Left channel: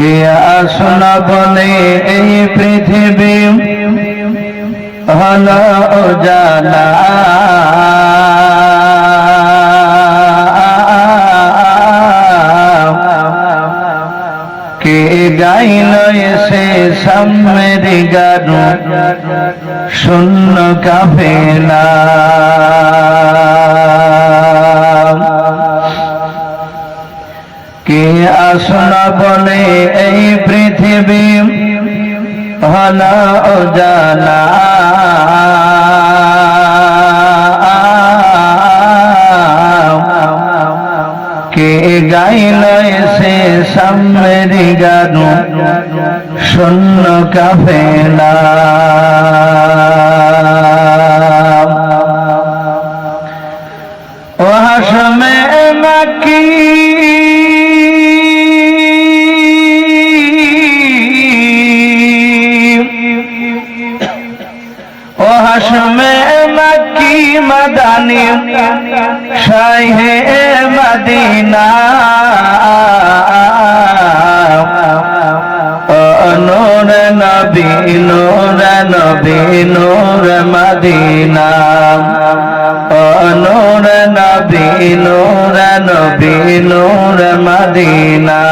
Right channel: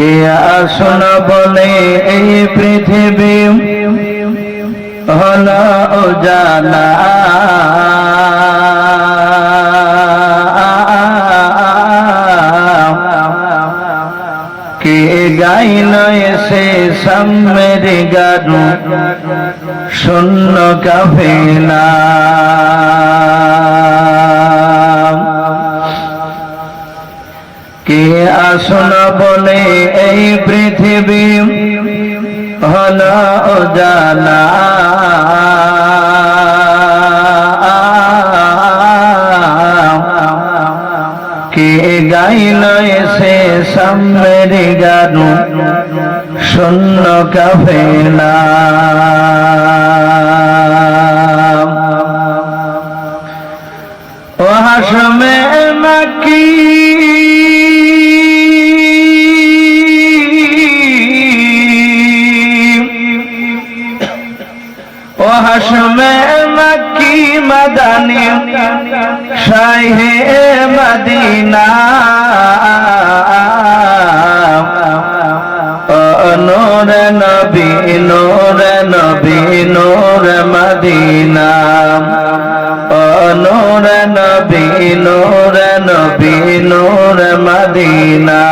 কে আসনা বলে এই পৃথিবী হলো উজালা, কে গাইল এসে সাম্যের গান শূন্য কাফেলা। কে আসনা বলে এই পৃথিবী হলো উজালা, কে গাইল এসে সাম্যের গান শূন্য কাফেলা। ও হাশমে মাকি হাশমে মক্কি মদানি শাহে মদিনা, নূর নবী নূর নবী নূর মদিনা, নূর নবী নূর নবী নূর মদিনা।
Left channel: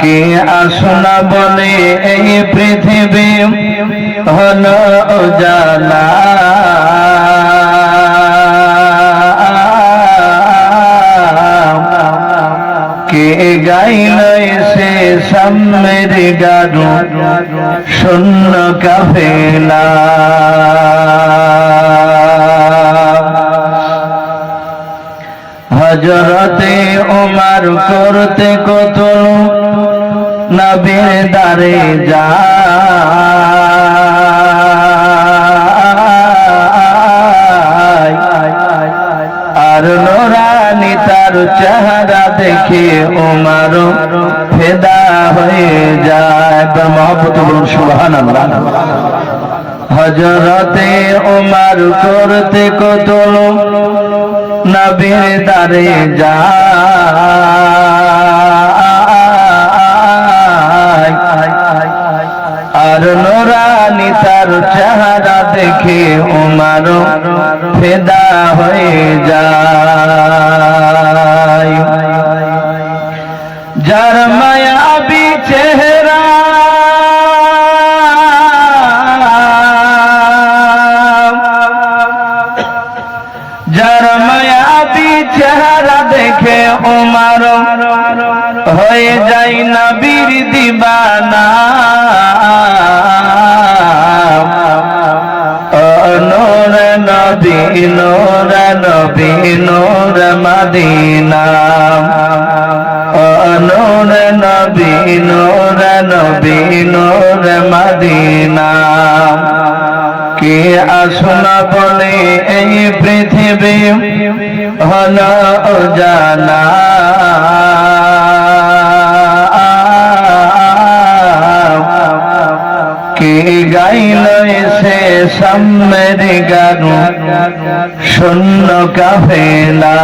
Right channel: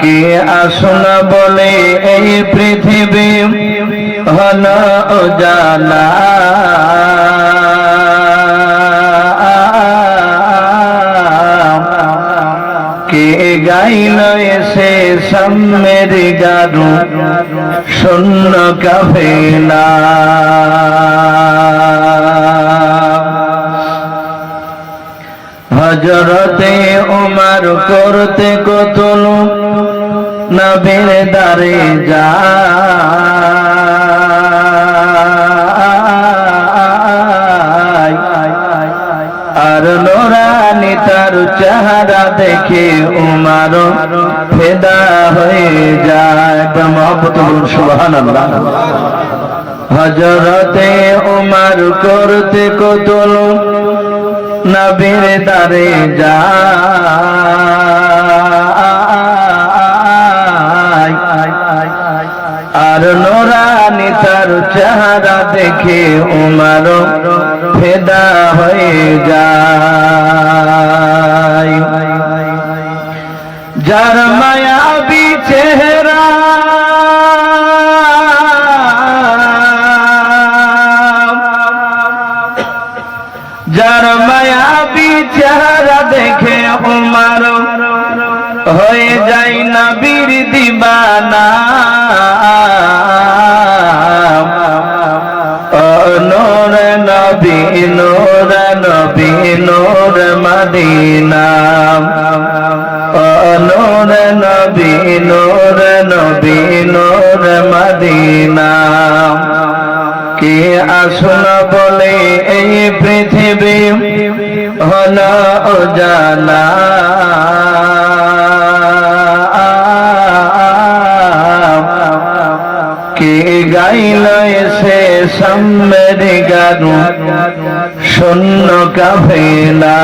কে আসনা বলে এই পৃথিবী হলো উজালা, কে গাইল এসে সাম্যের গান শূন্য কাফেলা। হযরতে ওমর করতে কতল নবীর দারে যায়, আর নোরানি তার চেহারা দেখে ওমর ফিদা হয়ে যায়। মহব্বতুল সুবহানাল্লাহ। হযরতে ওমর করতে কতল নবীর দারে যায়, আর নোরানি তার চেহারা দেখে ওমর ফিদা হয়ে যায়। যার মায়াবী চেহারা যার মায়াবী চেহারা দেখে ওমর হয়ে যায় নবীর দিবানা, নূর নবী নূর নবী নূর মদিনা, নূর নবী নূর নবী নূর মদিনা। কে আসনা বলে এই পৃথিবী হলো উজালা, কে গাইল এসে সাম্যের গান শূন্য কাফেলা।